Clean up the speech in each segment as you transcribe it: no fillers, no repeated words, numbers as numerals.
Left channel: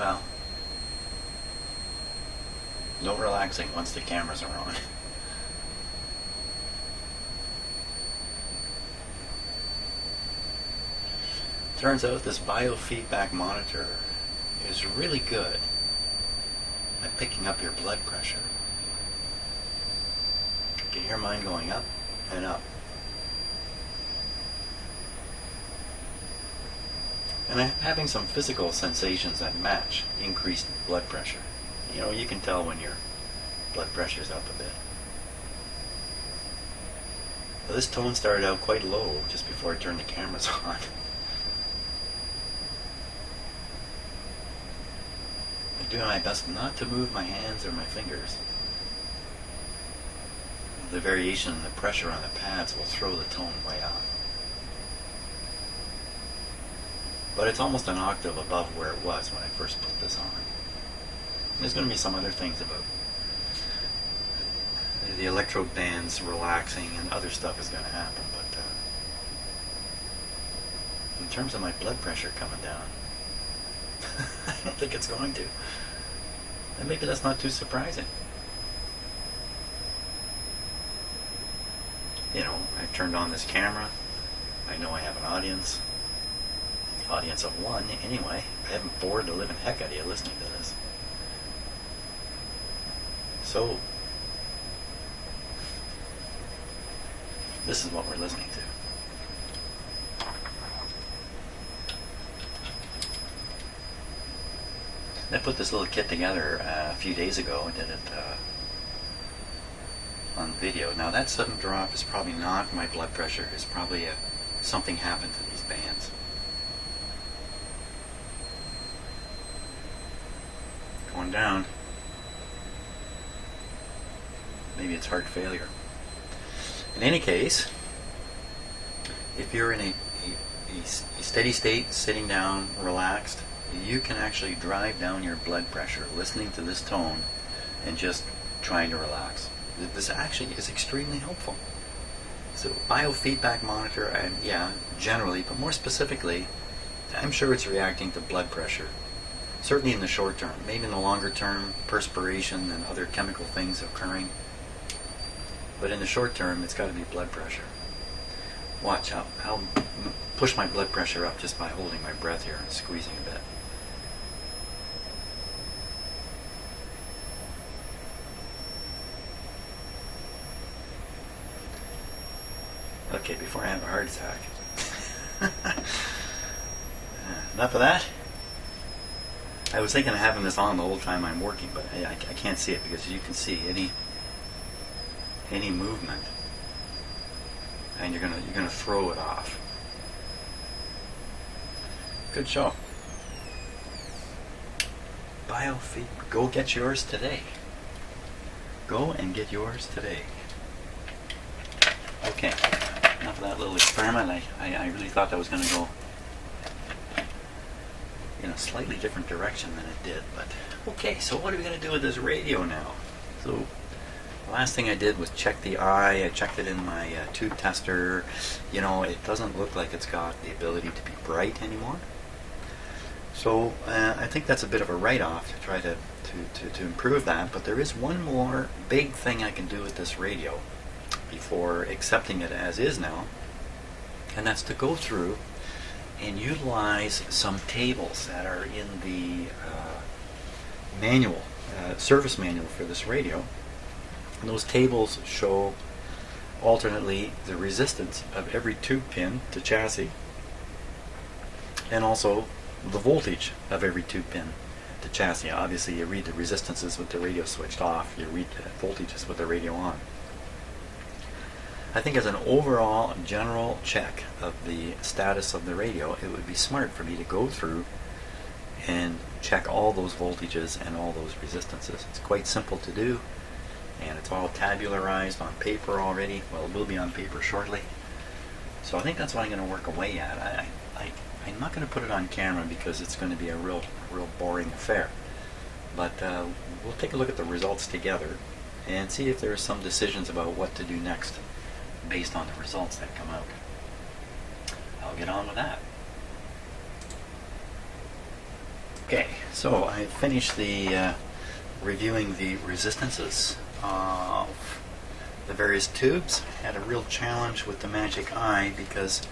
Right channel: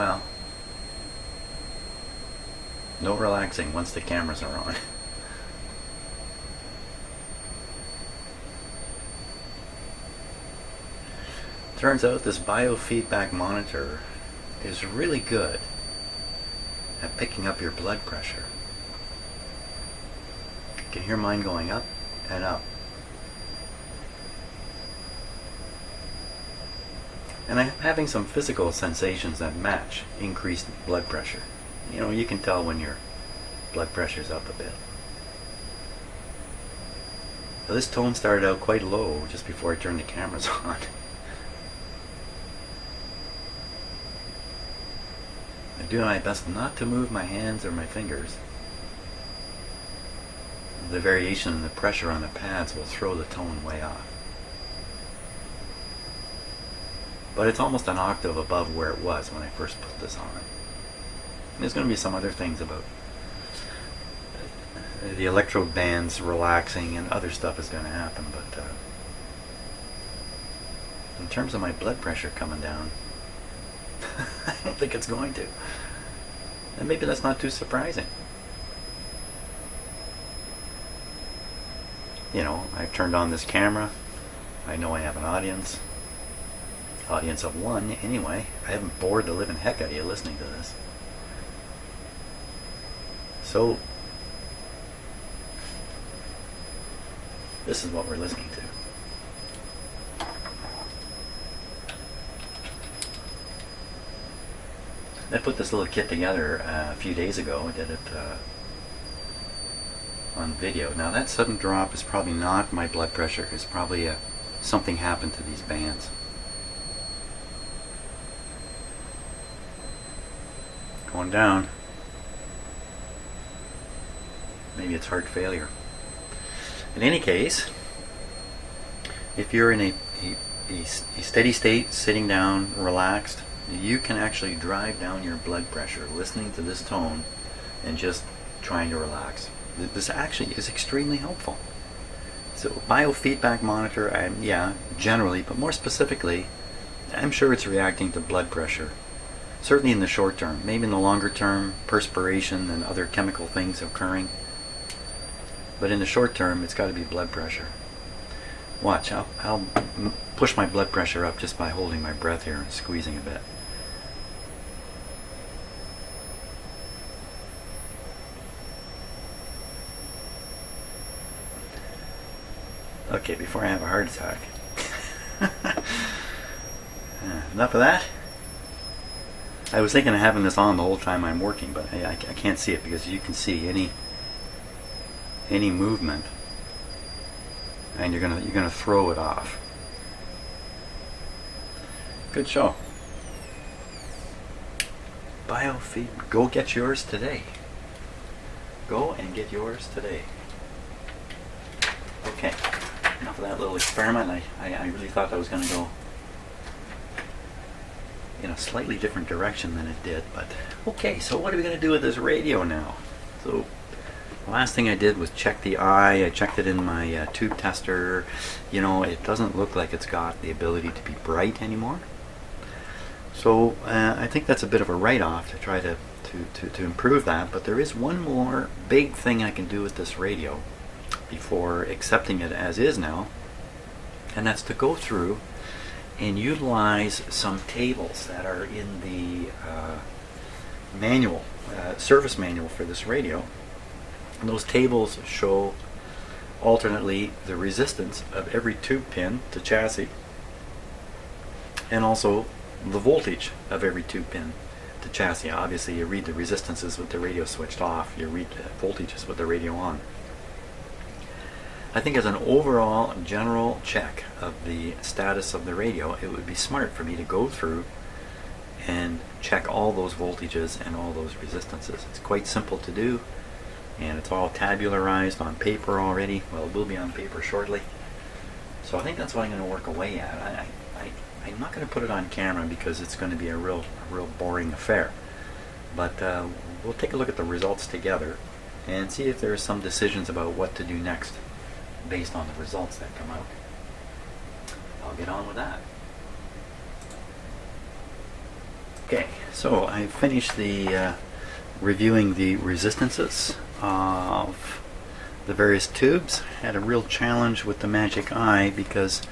well, no relaxing once the cameras are on. Turns out this biofeedback monitor is really good at picking up your blood pressure. You can hear mine going up and up. And I'm having some physical sensations that match increased blood pressure. You know, you can tell when your blood pressure's up a bit. Well, this tone started out quite low just before I turned the cameras on. I'm doing my best not to move my hands or my fingers. The variation in the pressure on the pads will throw the tone way off. But it's almost an octave above where it was when I first put this on. There's going to be some other things about the electrode bands relaxing and other stuff is going to happen, but in terms of my blood pressure coming down, I don't think it's going to. And maybe that's not too surprising. You know, I've turned on this camera. I know I have an audience of one anyway. I haven't bored the living heck out of you listening to this. So, this is what we're listening to. I put this little kit together a few days ago. I did it on video. Now that sudden drop is probably not my blood pressure. It's probably something happened to these bands. Going down. Maybe it's heart failure. In any case, if you're in a steady state, sitting down, relaxed, you can actually drive down your blood pressure listening to this tone and just trying to relax. This actually is extremely helpful. So biofeedback monitor, yeah, generally, but more specifically, I'm sure it's reacting to blood pressure. Certainly in the short term. Maybe in the longer term, perspiration and other chemical things occurring. But in the short term, it's got to be blood pressure. Watch, I'll push my blood pressure up just by holding my breath here and squeezing a bit. Okay, before I have a heart attack. Enough of that. I was thinking of having this on the whole time I'm working, but I can't see it because you can see any movement, and you're gonna throw it off. Good show. Biofeedback. Go get yours today. Go and get yours today. Okay. Enough of that little experiment. I really thought that was going to go in a slightly different direction than it did, but okay, so what are we going to do with this radio now? So the last thing I did was check the eye. I checked it in my tube tester. You know, it doesn't look like it's got the ability to be bright anymore. So I think that's a bit of a write-off to try to improve that, but there is one more big thing I can do with this radio before accepting it as is now, and that's to go through and utilize some tables that are in the manual, service manual for this radio. And those tables show alternately the resistance of every tube pin to chassis and also the voltage of every tube pin to chassis. Obviously you read the resistances with the radio switched off, you read the voltages with the radio on. I think as an overall general check of the status of the radio, it would be smart for me to go through and check all those voltages and all those resistances. It's quite simple to do, and it's all tabularized on paper already. Well, it will be on paper shortly. So I think that's what I'm going to work away at. I'm not going to put it on camera because it's going to be a real boring affair. But we'll take a look at the results together and see if there are some decisions about what to do next based on the results that come out. I'll get on with that. Okay, so I finished the reviewing the resistances of the various tubes. Had a real challenge with the Magic Eye because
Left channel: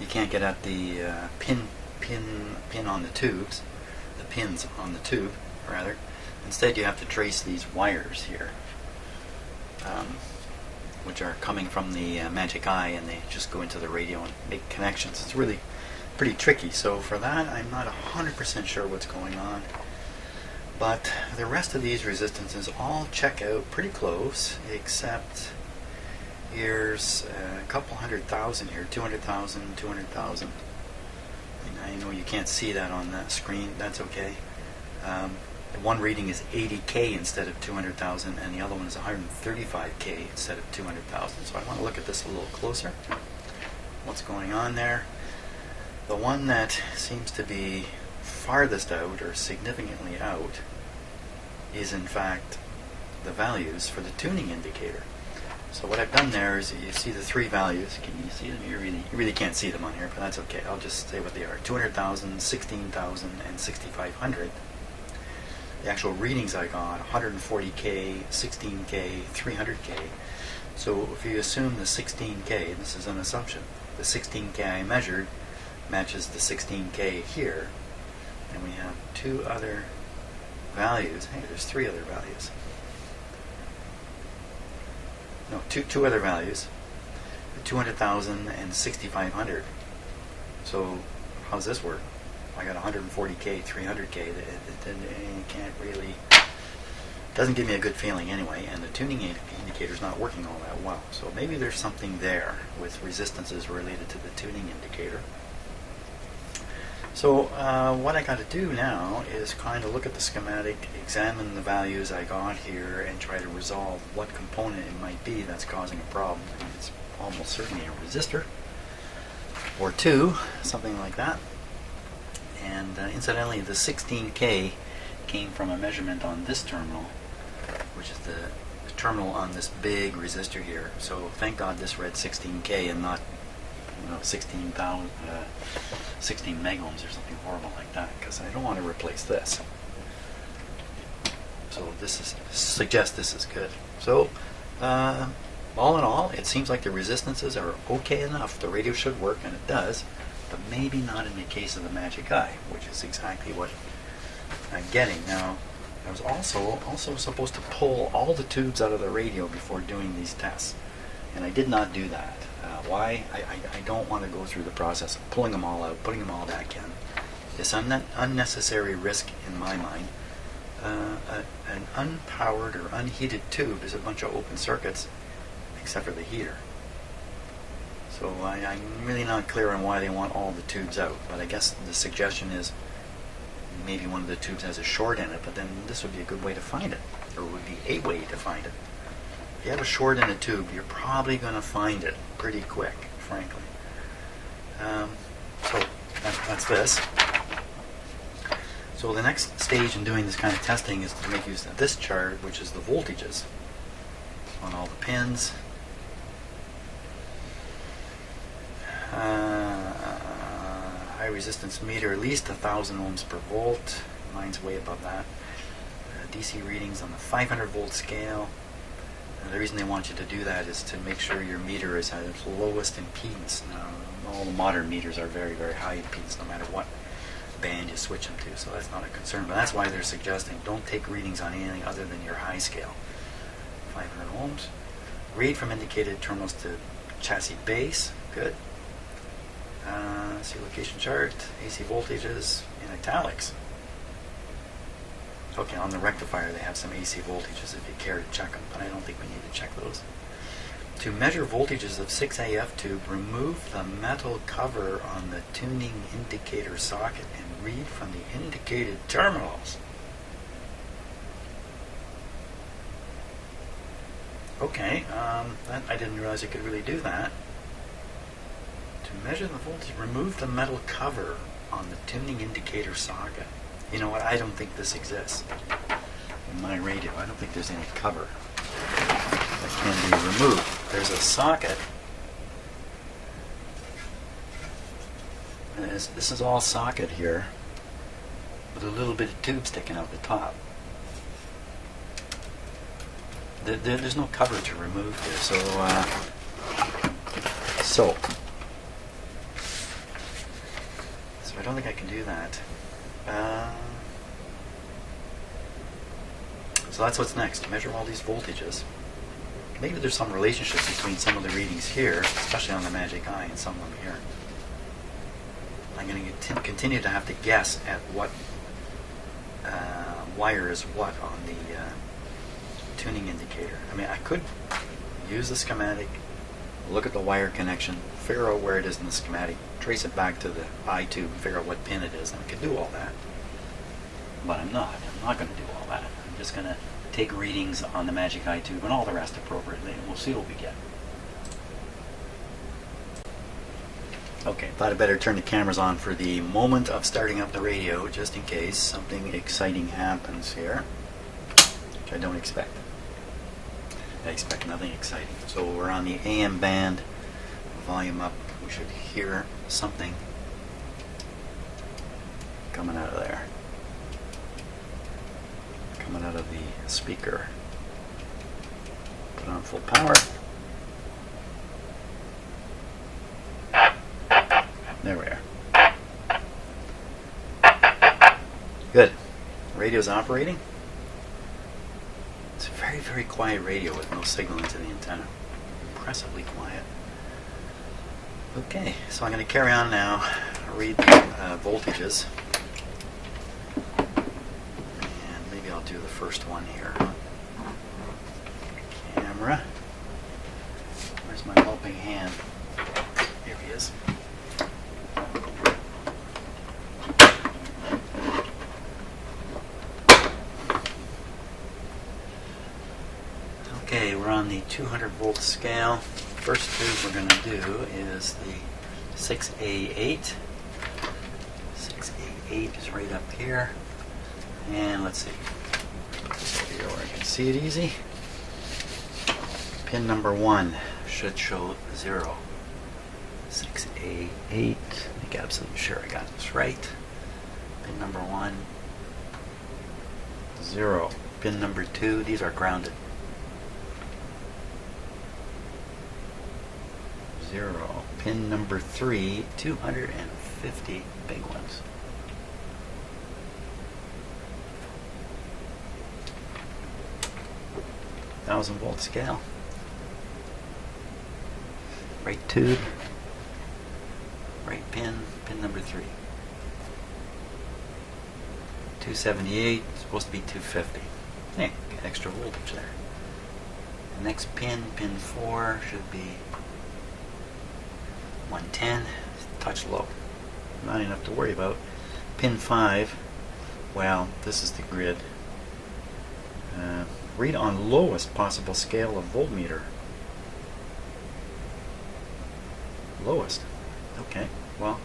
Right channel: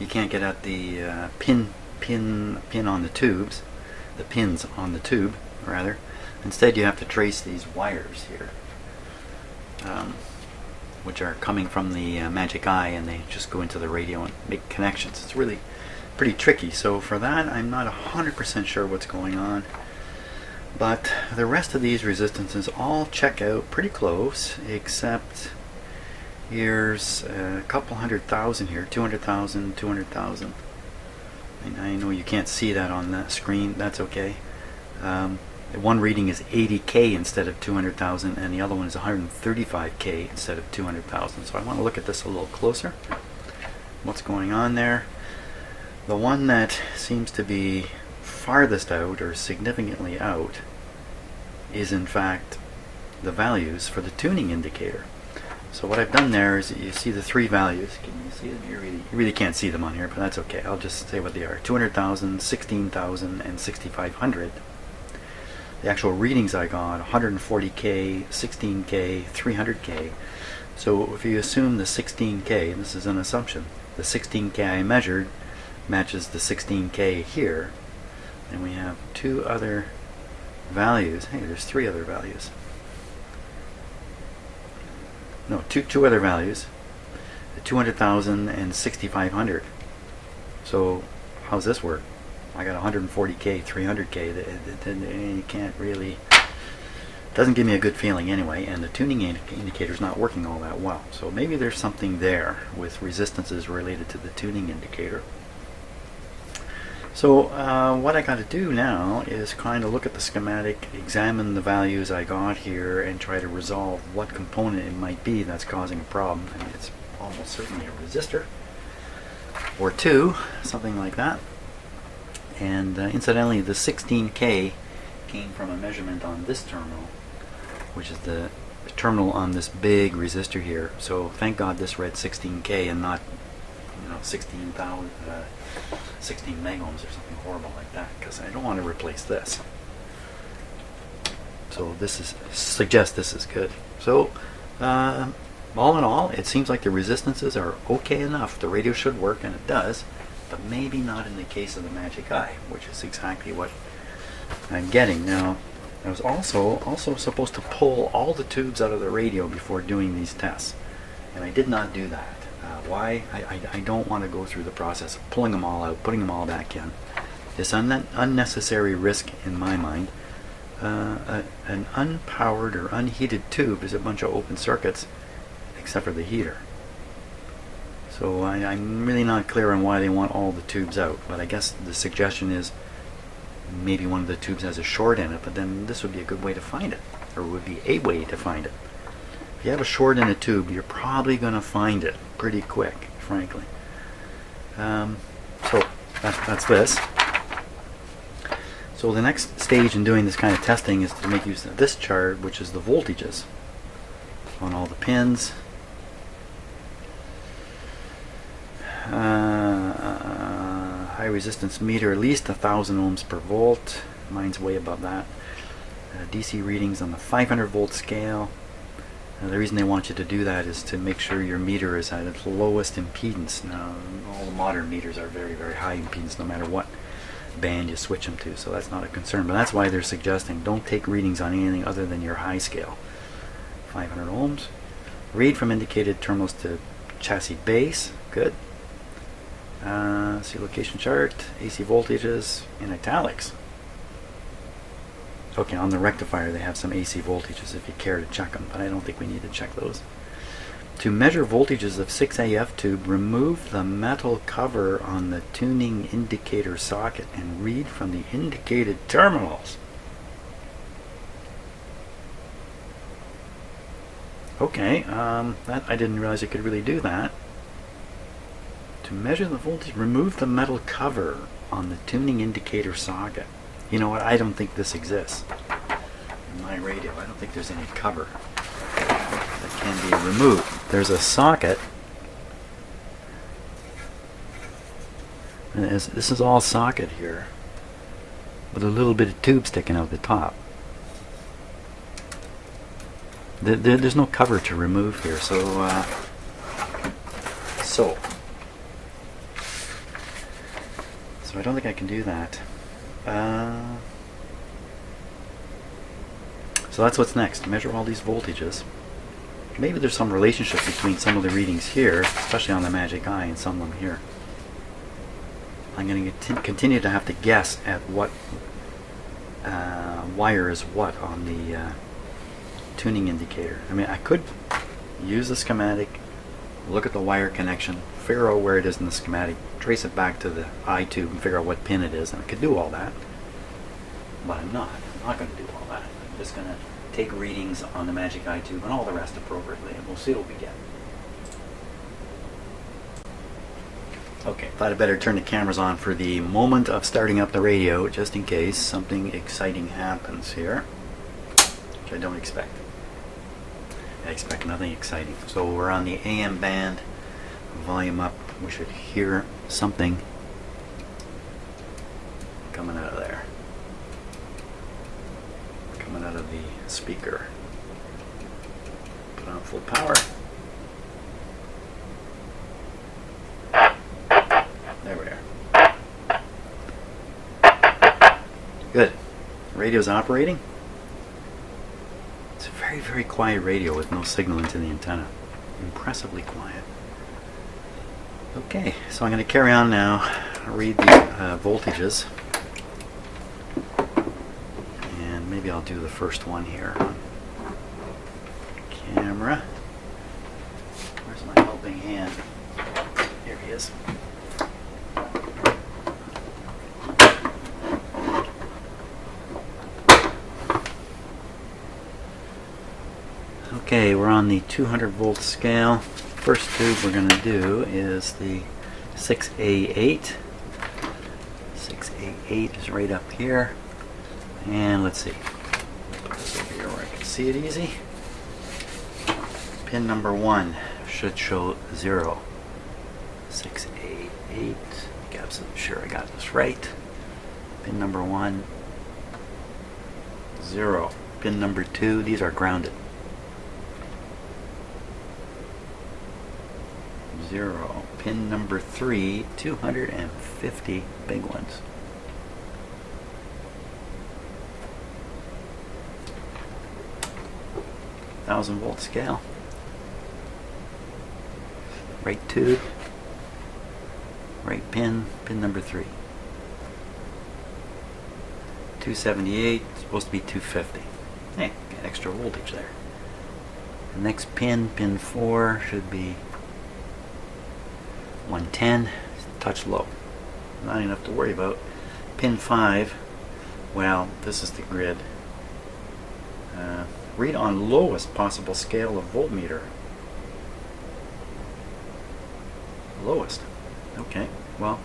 you can't get at the pin on the tubes, the pins on the tube rather. Instead you have to trace these wires here, which are coming from the Magic Eye, and they just go into the radio and make connections. It's really pretty tricky, so for that I'm not 100% sure what's going on. But the rest of these resistances all check out pretty close, except here's a couple 100,000 here, 200,000, 200,000. And I know you can't see that on that screen, that's okay. One reading is 80K instead of 200,000, and the other one is 135K instead of 200,000. So I want to look at this a little closer. What's going on there? The one that seems to be farthest out or significantly out is in fact the values for the tuning indicator. So what I've done there is, you see the three values. Can you see them? You really can't see them on here, but that's okay. I'll just say what they are: 200,000, 16,000, and 6,500. The actual readings I got: 140K, 16K, 300K. So if you assume the 16K, and this is an assumption, the 16K I measured matches the 16K here, and we have two other values. Hey, there's three other values. No, two other values, the 200,000 and 6,500. So how's this work? I got 140K, 300K. You can't really, doesn't give me a good feeling anyway, and the tuning indicator is not working all that well. So maybe there's something there with resistances related to the tuning indicator. So what I got to do now is kind of look at the schematic, examine the values I got here, and try to resolve what component it might be that's causing a problem. I mean, it's almost certainly a resistor or two, something like that. And incidentally, the 16K came from a measurement on this terminal, which is the terminal on this big resistor here. So thank God this read 16K and not 16 megohms or something horrible like that, because I don't want to replace this. So this suggests this is good. So all in all, it seems like the resistances are okay enough. The radio should work, and it does, but maybe not in the case of the Magic Eye, which is exactly what I'm getting. Now, I was also supposed to pull all the tubes out of the radio before doing these tests, and I did not do that. Why? I don't want to go through the process of pulling them all out, putting them all back in. It's unnecessary risk in my mind. An unpowered or unheated tube is a bunch of open circuits, except for the heater. So I'm really not clear on why they want all the tubes out, but I guess the suggestion is maybe one of the tubes has a short in it, but then this would be a good way to find it, or would be a way to find it. If you have a short in a tube, you're probably going to find it pretty quick, frankly. So that's this. So the next stage in doing this kind of testing is to make use of this chart, which is the voltages on all the pins. High resistance meter, at least 1,000 ohms per volt. Mine's way above that. DC readings on the 500 volt scale. The reason they want you to do that is to make sure your meter is at its lowest impedance. Now, all the modern meters are very, very high impedance no matter what band you switch them to, so that's not a concern. But that's why they're suggesting don't take readings on anything other than your high scale. 500 ohms. Read from indicated terminals to chassis base. Good. See location chart. AC voltages in italics. Okay, on the rectifier they have some AC voltages if you care to check them, but I don't think we need to check those. To measure voltages of 6AF tube, remove the metal cover on the tuning indicator socket and read from the indicated terminals. Okay, that I didn't realize you could really do that. To measure the voltage, remove the metal cover on the tuning indicator socket. You know what, I don't think this exists in my radio. I don't think there's any cover that can be removed. There's a socket, and this is all socket here, with a little bit of tube sticking out the top. There's no cover to remove here, so I don't think I can do that. So that's what's next. Measure all these voltages. Maybe there's some relationship between some of the readings here, especially on the Magic Eye, and some of them here. I'm going to continue to have to guess at what wire is what on the tuning indicator. I mean, I could use the schematic, look at the wire connection, figure out where it is in the schematic, trace it back to the eye tube and figure out what pin it is, and I could do all that. But I'm not going to do all that. I'm just going to take readings on the Magic Eye tube and all the rest appropriately, and we'll see what we get. Okay, thought I'd better turn the cameras on for the moment of starting up the radio, just in case something exciting happens here, which I don't expect. I expect nothing exciting. So we're on the AM band, volume up. We should hear something coming out of there, coming out of the speaker. Put on full power. There we are. Good. Radio's operating. It's a very, very quiet radio with no signal into the antenna. Impressively quiet. Okay, so I'm going to carry on now. Read the voltages. And maybe I'll do the first one here. Camera. Where's my helping hand? Here he is. Okay, we're on the 200 volt scale. First tube we're going to do is the 6A8. 6A8 is right up here. And let's see. Put this over here where I can see it easy. Pin number 1 should show 0. 6A8. Make absolutely sure I got this right. Pin number 1, 0. Pin number 2, these are grounded. 0. Pin number 3, 250 big ones. Volt scale. Right tube. Right pin. Pin number 3. 278. Supposed to be 250. Hey, got extra voltage there. The next pin, pin 4, should be 110, touch low. Not enough to worry about. Pin 5, well, this is the grid. Read on lowest possible scale of voltmeter. Lowest. Okay, well,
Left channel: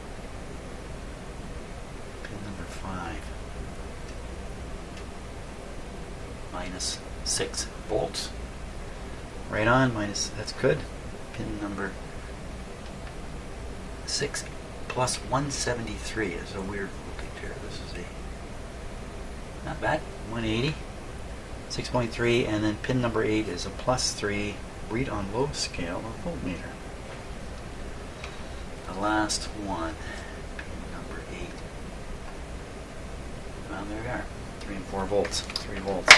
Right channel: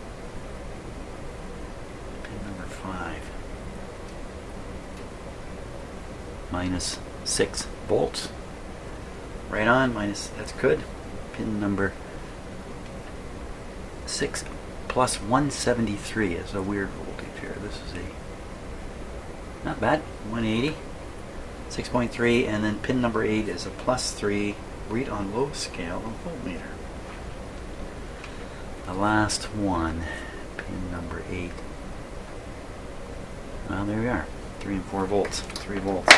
pin number 5. Minus 6 volts. Right on, minus, that's good. Pin number 6 plus 173 is a weird voltage here. This is a not bad, 180, 6.3, and then pin number 8 is a plus 3. Read on low scale of voltmeter. The last one, pin number 8. Well, there we are, 3 and 4 volts, 3 volts.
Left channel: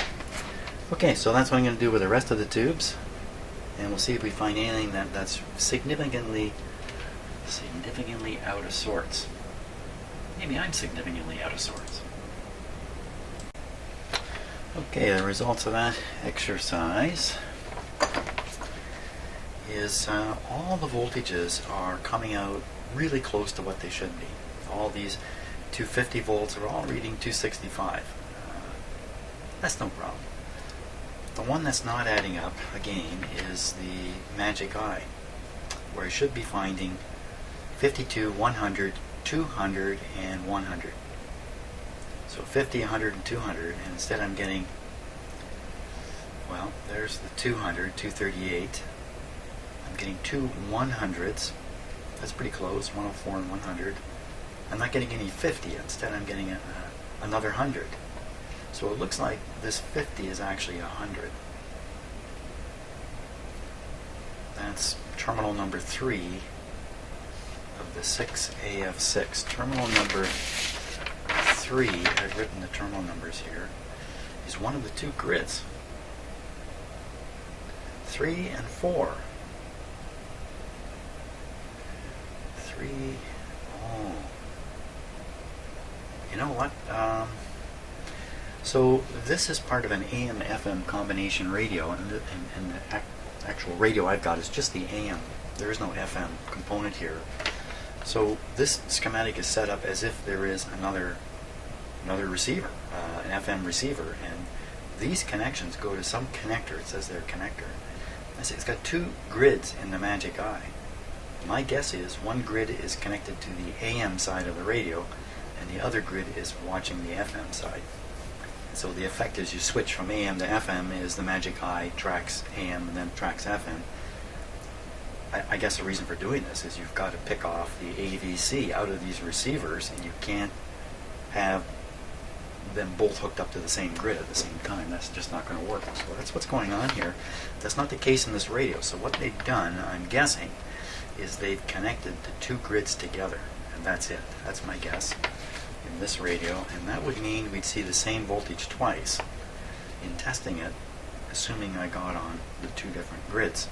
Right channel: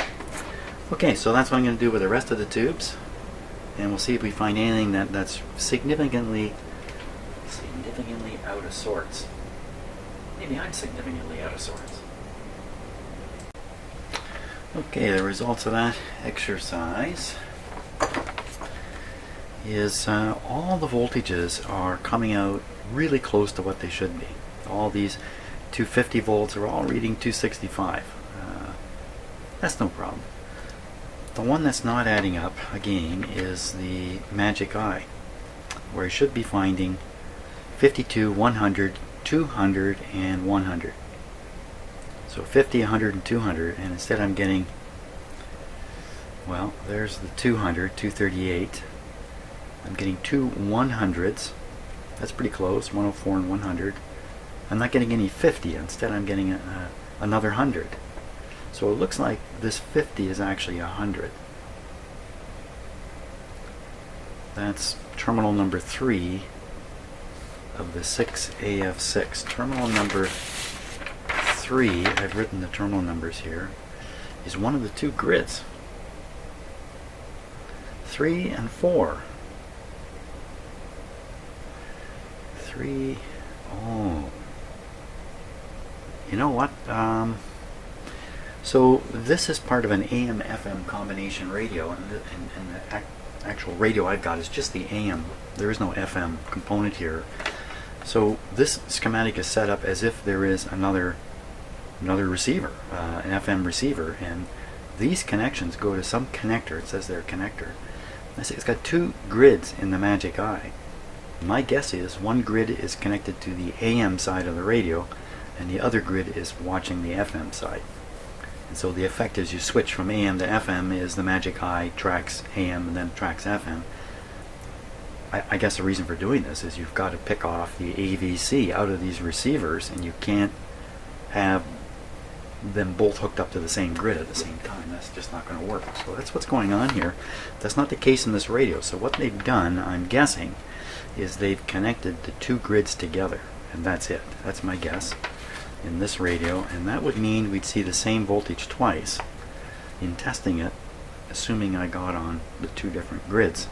Okay, so that's what I'm going to do with the rest of the tubes, and we'll see if we find anything that's significantly out of sorts. Maybe I'm significantly out of sorts. Okay, the results of that exercise is all the voltages are coming out really close to what they should be. All these 250 volts are all reading 265. That's no problem. The one that's not adding up, again, is the Magic Eye, where I should be finding 52, 100, 200, and 100. So 50, 100, and 200, and instead I'm getting, well, there's the 200, 238. I'm getting 2 100s. That's pretty close, 104 and 100. I'm not getting any 50. Instead I'm getting another 100. So it looks like this 50 is actually 100. That's terminal number 3 of the 6AF6. Terminal number 3, I've written the terminal numbers here, is one of the two grids. 3 and 4. 3, oh. You know what? So this is part of an AM-FM combination radio, and the actual radio I've got is just the AM. There is no FM component here. So this schematic is set up as if there is another receiver, an FM receiver, and these connections go to some connector. It says they're connector. It's got two grids in the Magic Eye. My guess is one grid is connected to the AM side of the radio, and the other grid is watching the FM side. And so the effect as you switch from AM to FM is the Magic Eye tracks AM and then tracks FM. I guess the reason for doing this is you've got to pick off the AVC out of these receivers, and you can't have them both hooked up to the same grid at the same time. That's just not going to work. So that's what's going on here. That's not the case in this radio. So what they've done, I'm guessing, is they've connected the two grids together, and that's it. That's my guess in this radio, and that would mean we'd see the same voltage twice in testing it, assuming I got on the two different grids,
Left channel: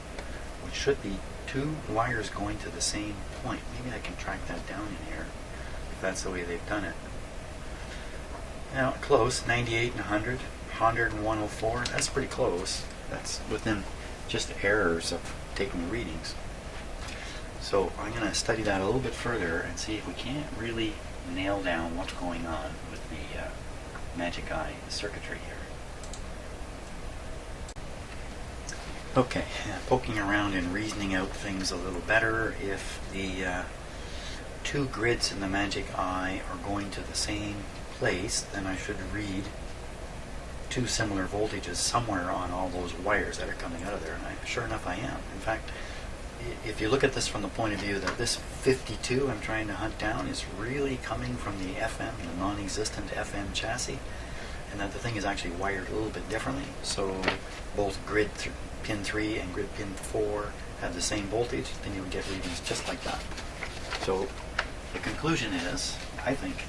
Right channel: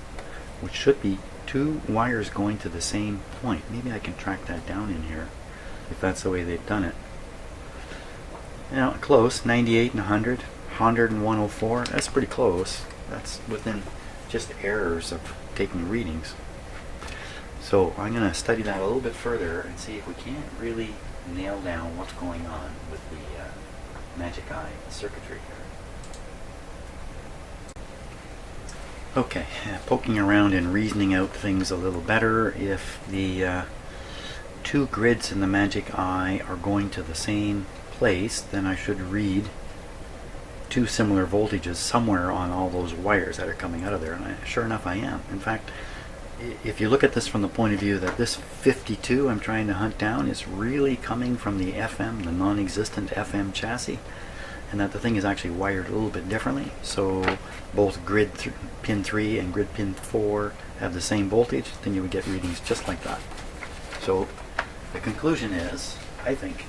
which should be two wires going to the same point. Maybe I can track that down in here if that's the way they've done it. Now, close, 98 and 100, 100 and 104, that's pretty close. That's within just errors of taking readings. So I'm going to study that a little bit further and see if we can't really nail down what's going on with the Magic Eye circuitry here. Okay, poking around and reasoning out things a little better. If the two grids in the Magic Eye are going to the same place, then I should read two similar voltages somewhere on all those wires that are coming out of there, and sure enough I am. In fact, if you look at this from the point of view that this 52 I'm trying to hunt down is really coming from the FM, the non-existent FM chassis, and that the thing is actually wired a little bit differently, so both grid pin 3 and grid pin 4 have the same voltage, then you would get readings just like that. So the conclusion is, I think,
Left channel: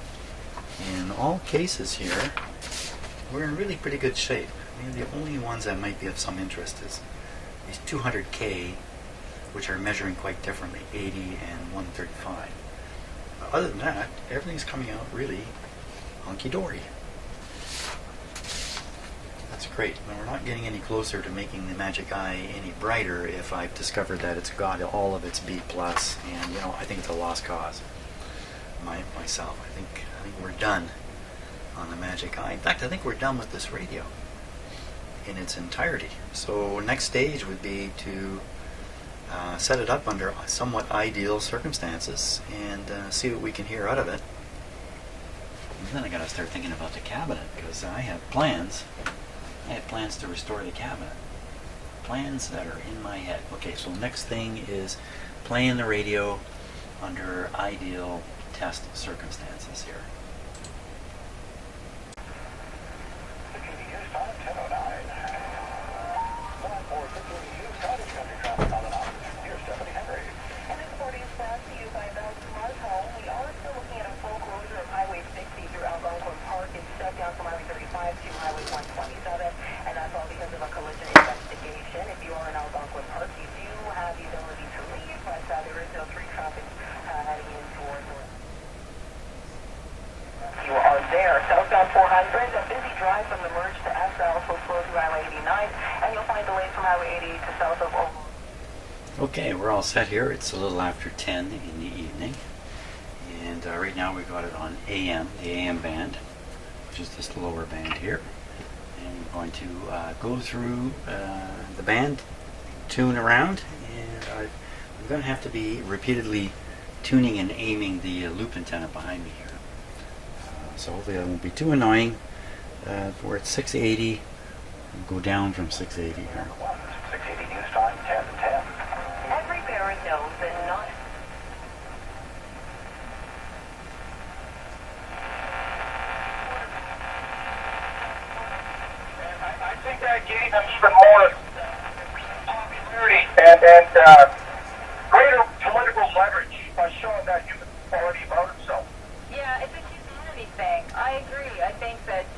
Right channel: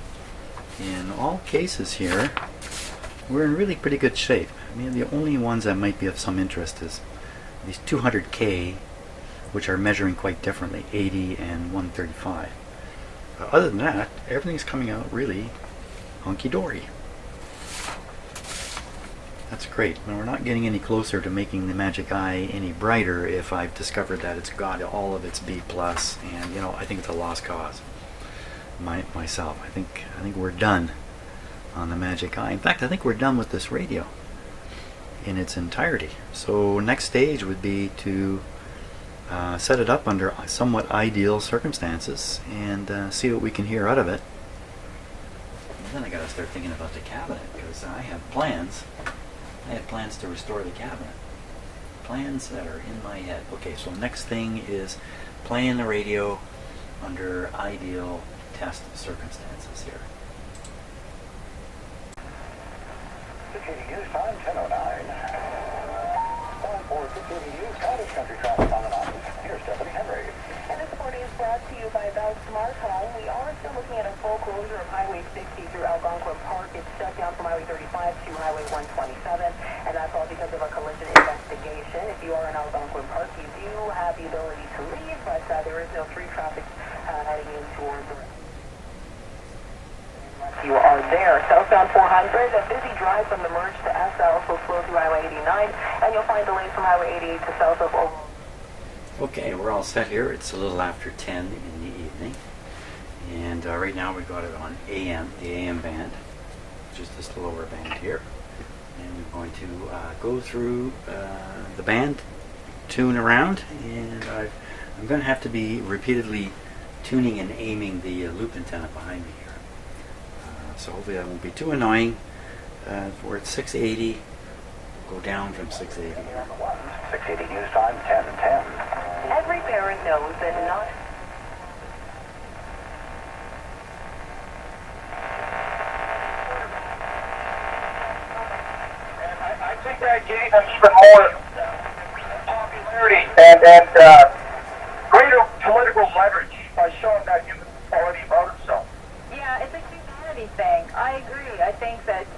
in all cases here, we're in really pretty good shape. I mean, the only ones that might be of some interest is these 200K, which are measuring quite differently, 80 and 135. Other than that, everything's coming out really hunky-dory. That's great. Now, we're not getting any closer to making the Magic Eye any brighter if I've discovered that it's got all of its B+, and you know, I think it's a lost cause. Myself, I think we're done on the Magic Eye. In fact, I think we're done with this radio in its entirety. So next stage would be to set it up under somewhat ideal circumstances and see what we can hear out of it. And then I gotta start thinking about the cabinet, because I have plans. I have plans to restore the cabinet. Plans that are in my head. Okay, so next thing is playing the radio under ideal test circumstances here. Circuitry News time, 10:09. Time for Circuitry News Cottage Country traffic on and off. Here's Stephanie Henry. And this reporting is brought to you by Bell Smart Home. We are still looking at a full closure of Highway 60 through Algonquin Park. It's shut down from Highway 35 to Highway 127, and that's all because of a collision investigation. If you are in Algonquin Park, you do have the ability to leave, but there is no through traffic heading in towards the... You are there. Southbound 400, a busy drive from the merge to SL, so slow through Highway 89, and you'll find delays from Highway 88 to south of... Okay, we're all set here. It's a little after 10 in the evening, and right now we've got it on AM, the AM band, which is this lower band here, and we're going to go through the band, tune around, and I'm going to have to be repeatedly tuning and aiming the loop antenna behind me here. So hopefully that won't be too annoying. We're at 680, we'll go down from 680 here. 680 news time, 10 and 10. Every parent knows that not... gave him even more popularity and greater political leverage by showing that human quality about himself. Yeah, it's a humanity thing. I agree. I think that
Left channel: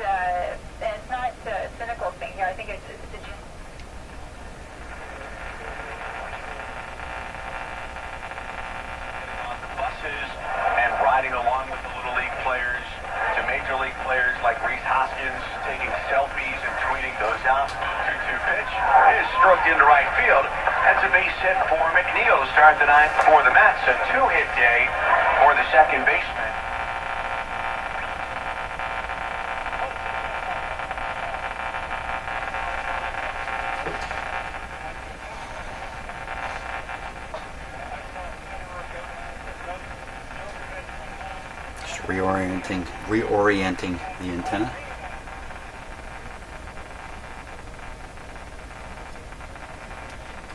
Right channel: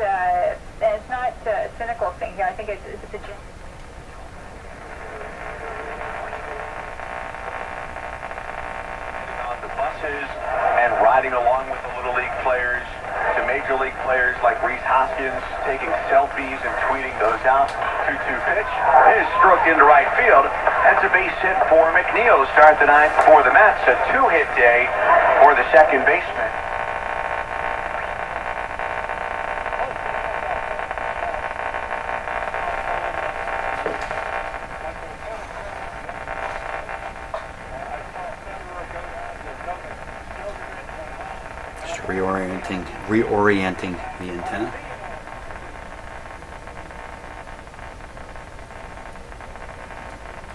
and it's not a cynical thing here. I think it's a on the buses and riding along with the Little League players to Major League players like Reese Hoskins taking selfies and tweeting those out. 2-2 pitch is stroked into right field. That's a base hit for McNeil to start the ninth for the Mets. A 2-hit day for the second baseman. Just reorienting the antenna.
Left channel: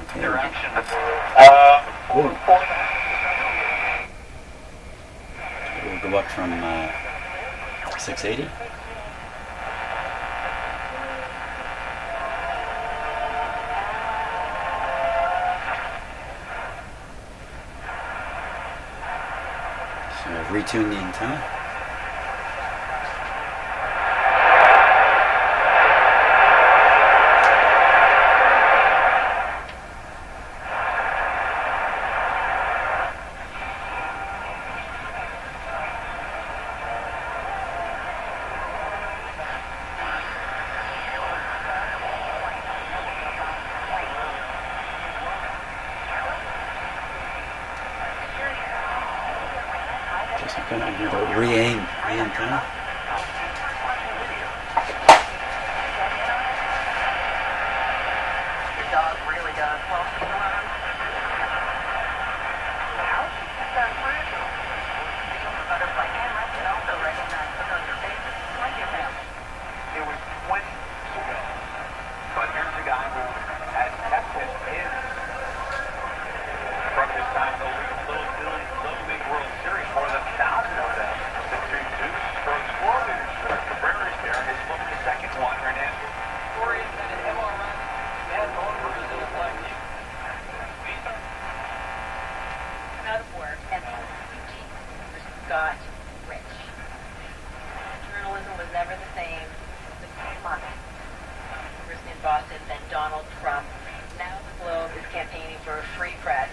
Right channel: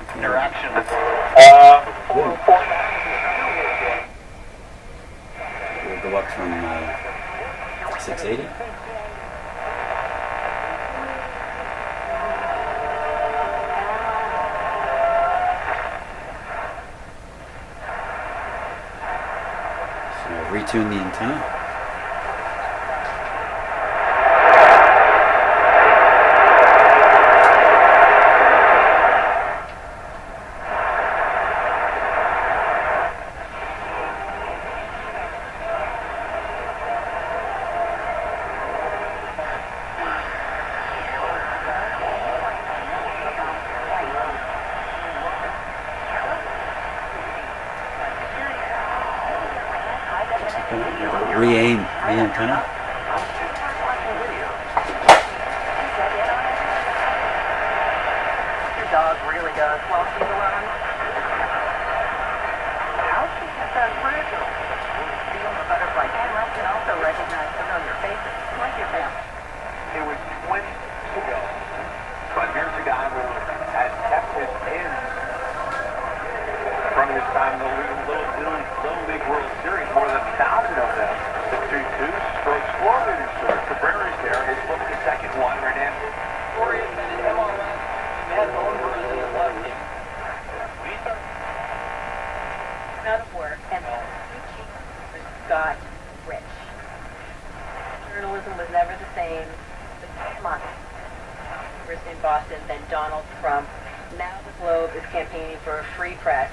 Okay. Interaction. We'll go up from 680. So retune the antenna. Re-aim the antenna. Your dog really does while she's alone. How she gets that fragile? Feel the butterfly camera can also recognize familiar faces, like your family. It was 20 years ago. But here's a guy who has kept his pins from his time in the Little League World Series, more than 1,000 of them. The 2-2 strokes 4 meters short. Cabrera's there. His book, the second one. Hernandez. Oriented MRS and home Brazilian lefty. Out of work, and the chief got rich. Journalism was never the same. The much in Boston than Donald Trump. Now the Globe is campaigning for a free press.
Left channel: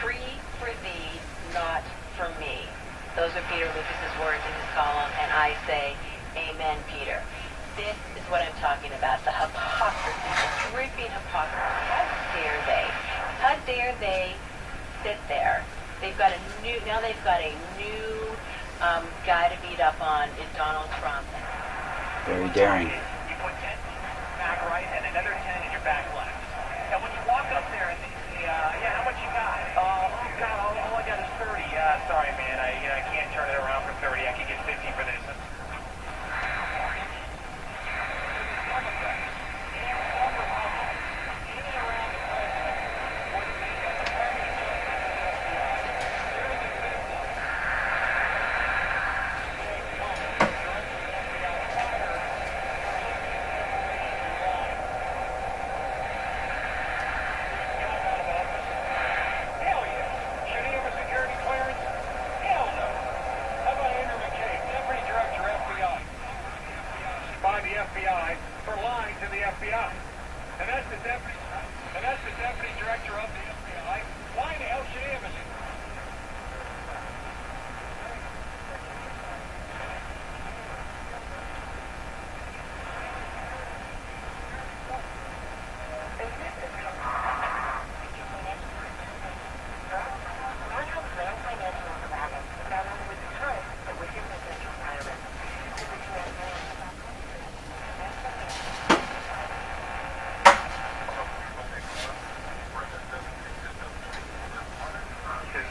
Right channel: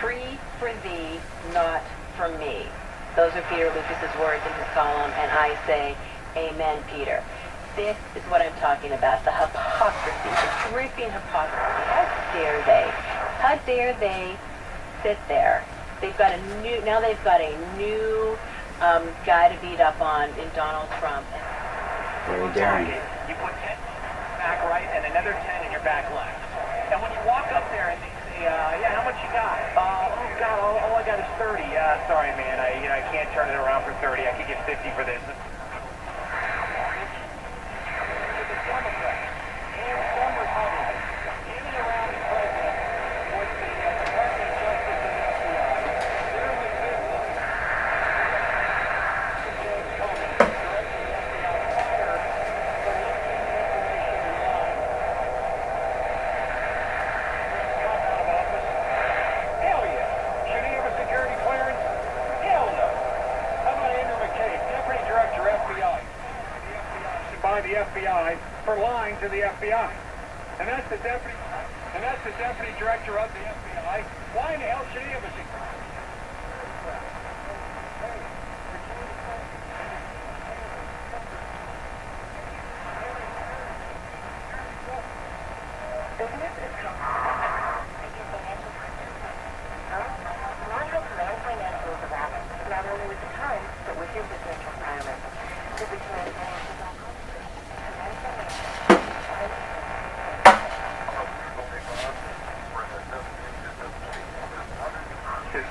Free for thee, not for me. Those are Peter Lucas's words in his column, and I say, amen, Peter. This is what I'm talking about, the hypocrisy, the dripping hypocrisy. How dare they? How dare they sit there? They've got a new guy to beat up on in Donald Trump. Very daring. You put 10 back right and another 10 in your back left. And when you walk up there and they say, yeah, how much you got? Oh, God, all I got is 30. Sorry, man, I can't turn it around for 30. I could get 50 for this. The FBI for lying to the FBI. And that's the deputy director of the FBI. Why in the hell should he have a secret? Business is National Command Financial is a rapid, not only with the Times, but with your business requirements. Visit commandfinancial.com. His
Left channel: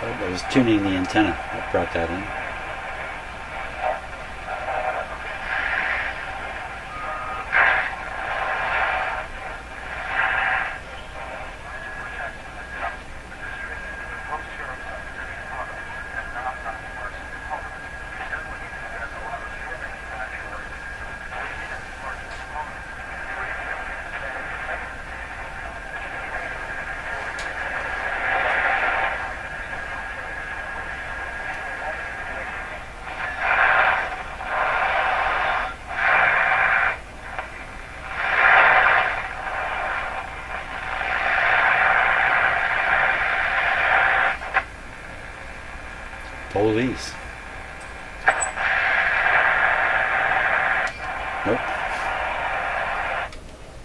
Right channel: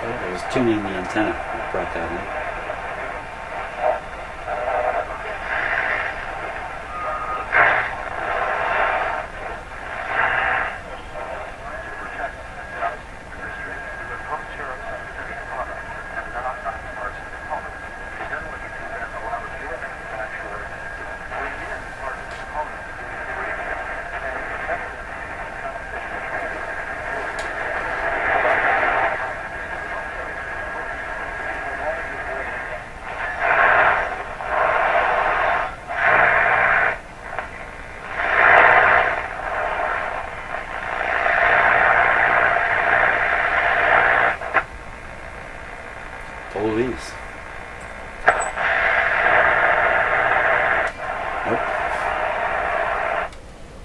Oh, I was tuning the antenna that brought that in. Police. Nope.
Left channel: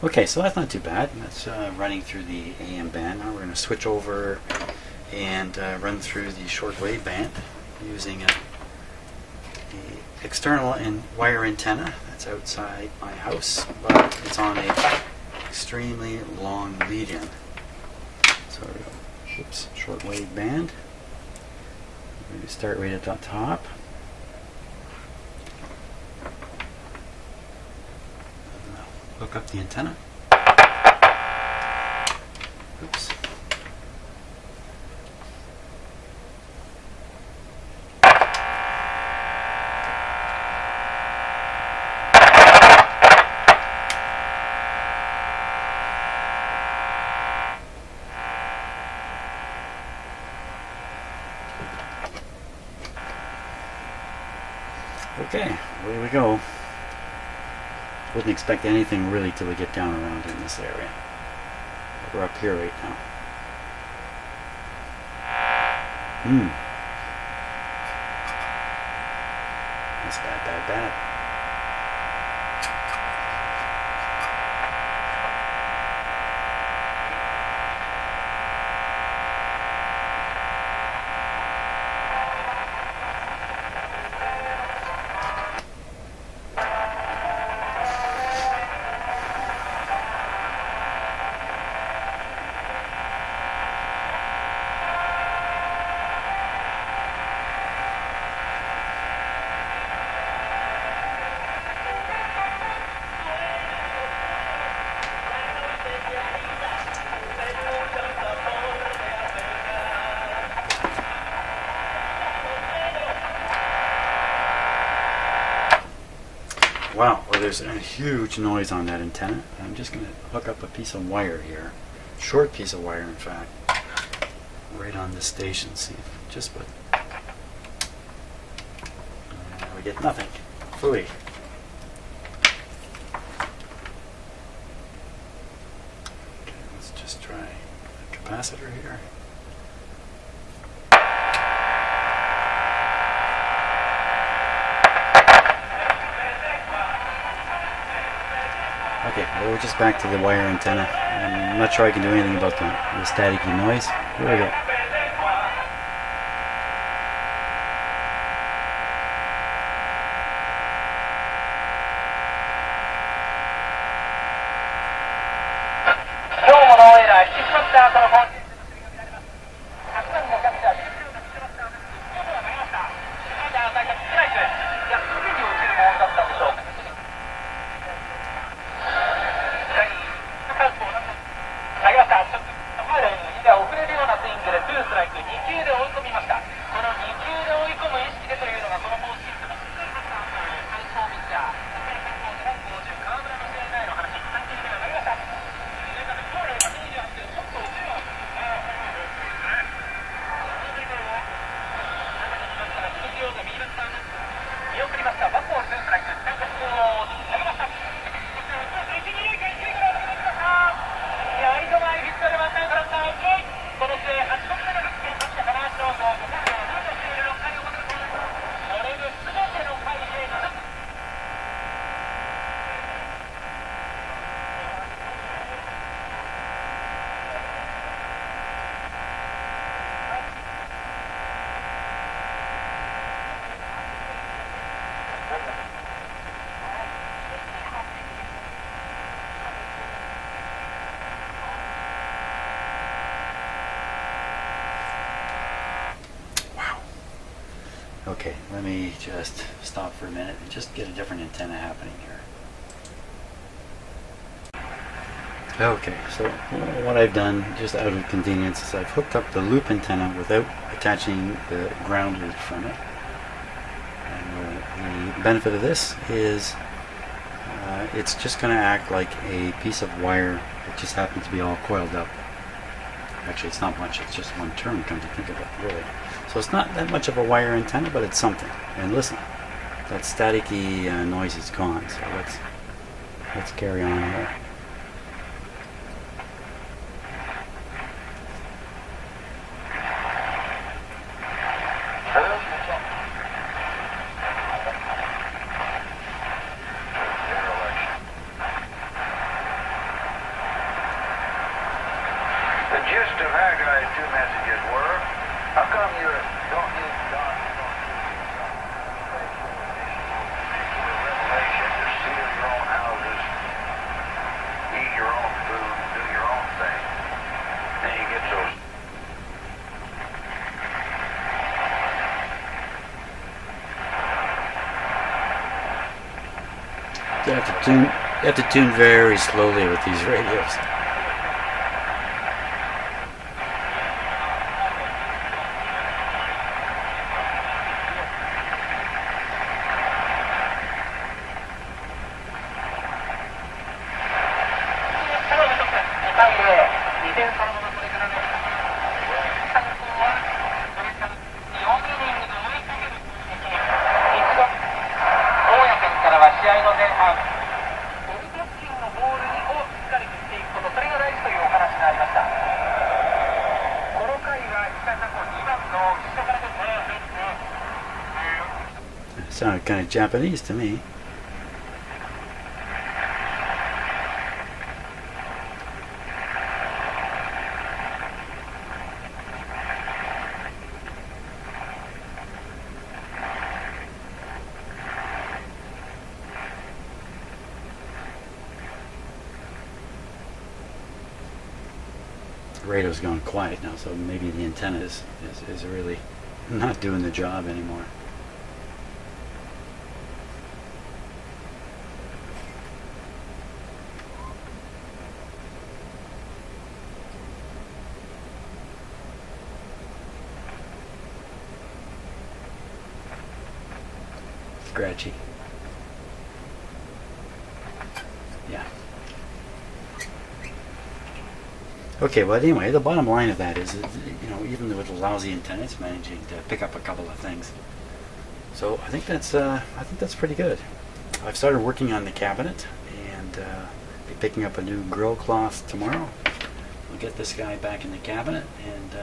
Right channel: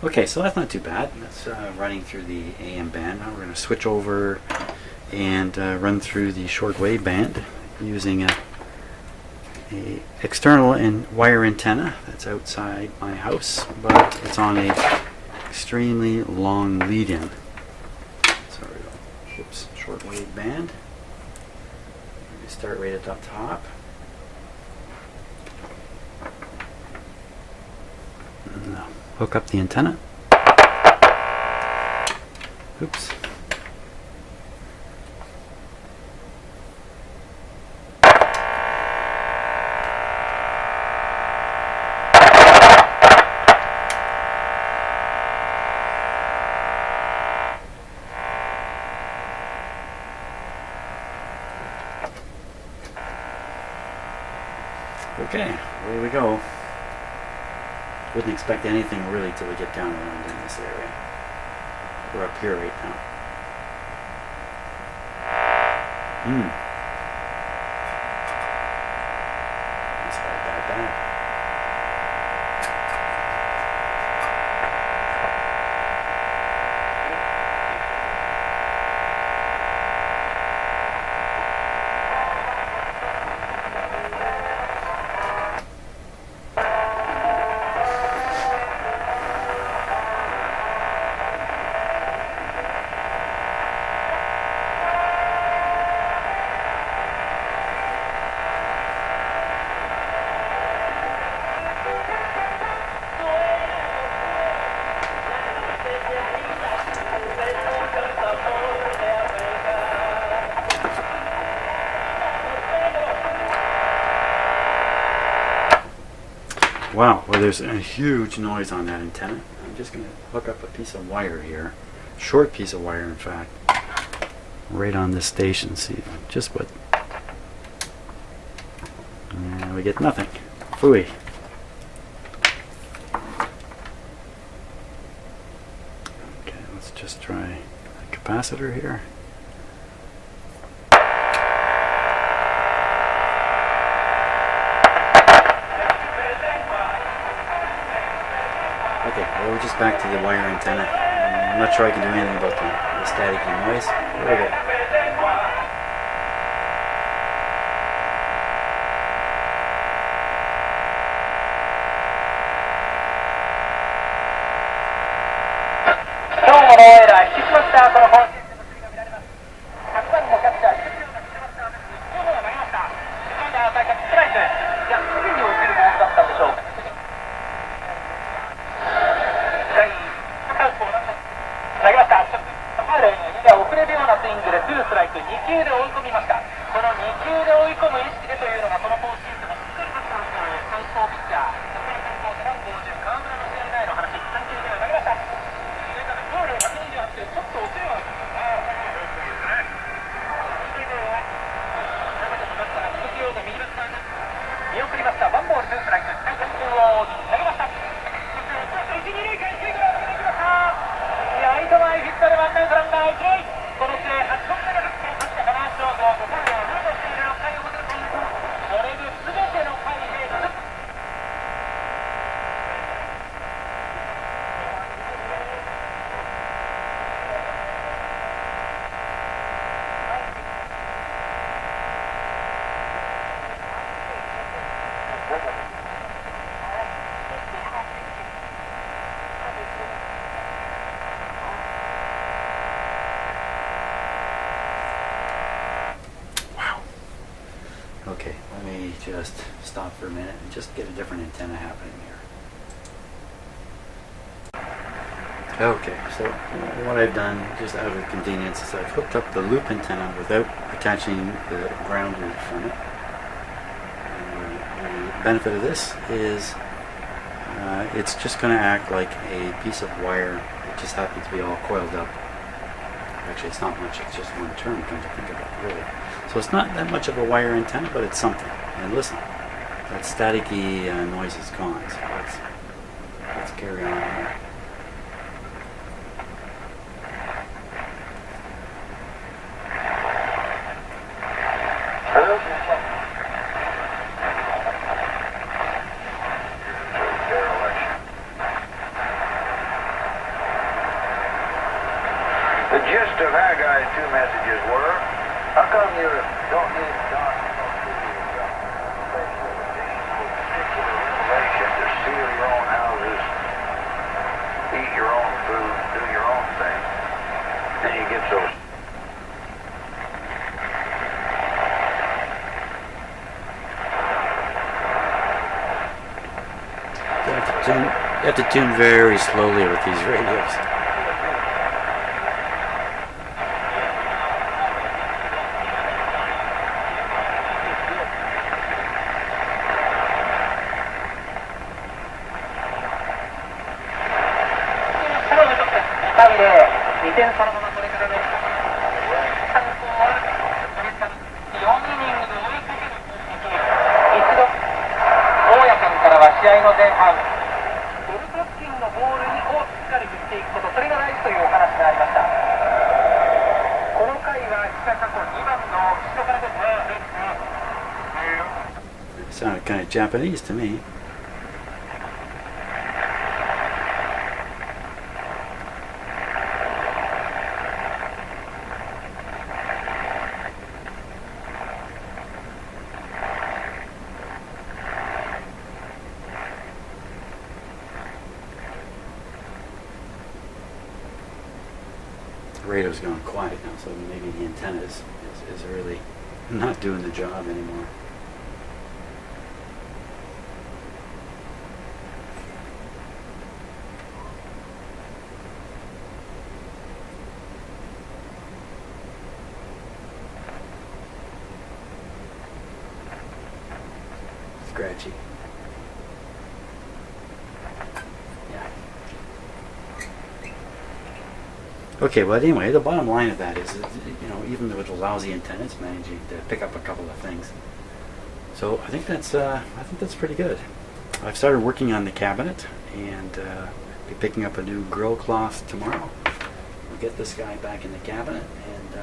Okay, so that's not too bad. That's running through the AM band. Now we're going to switch over and run through the shortwave band using a external and wire antenna that's outside my house, but it's on a extremely long lead-in. So we go. Oops, shortwave band. We start right at the top. And hook up the antenna. Oops. Okay, away we go. Wouldn't expect anything really till we get down around in this area. We're up here right now. That's bad. Wow, well there's a huge noise on that antenna. I'm just going to hook up a piece of wire here, short piece of wire in fact, right on this station. See just what, and we get nothing. Phooey. Okay, let's just try a capacitor here. Okay, well we're just back to the wire antenna. I'm not sure I can do anything about the staticky noise. Here we go. Okay, let me just stop for a minute and just get a different antenna happening here. Okay, so what I've done, just out of convenience, is I've hooked up the loop antenna without attaching the grounders from it. The benefit of this is it's just going to act like a piece of wire that just happens to be all coiled up. Actually, it's not much, it's just one turn, come to think of it, really. So it's not that much of a wire antenna, but it's something. And listen, that staticky noise is gone, so let's carry on here. The gist of Haggai's two messages were, how come you don't need God to go through your special edition with particular revelation to seal your own houses, eat your own food, do your own thing? Then you get so... You have to tune very slowly with these radios. Sounded kind of Japanese to me. The radio's gone quiet now, so maybe the antenna is really not doing the job anymore. Scratchy. Yeah. Okay, well anyway, the bottom line of that is, you know, even with the lousy antenna, it's managing to pick up a couple of things. So I think that's pretty good. I've started working on the cabinet and be picking up a new grill cloth tomorrow. We'll get this guy back in the cabinet and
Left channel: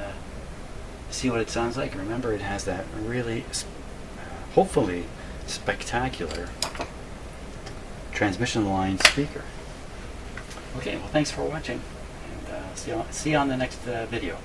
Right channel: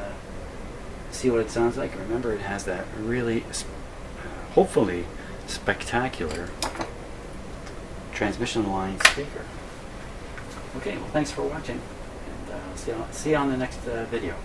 see what it sounds like. Remember, it has that really, hopefully, spectacular transmission line speaker. Okay, well thanks for watching, and see you on the next video.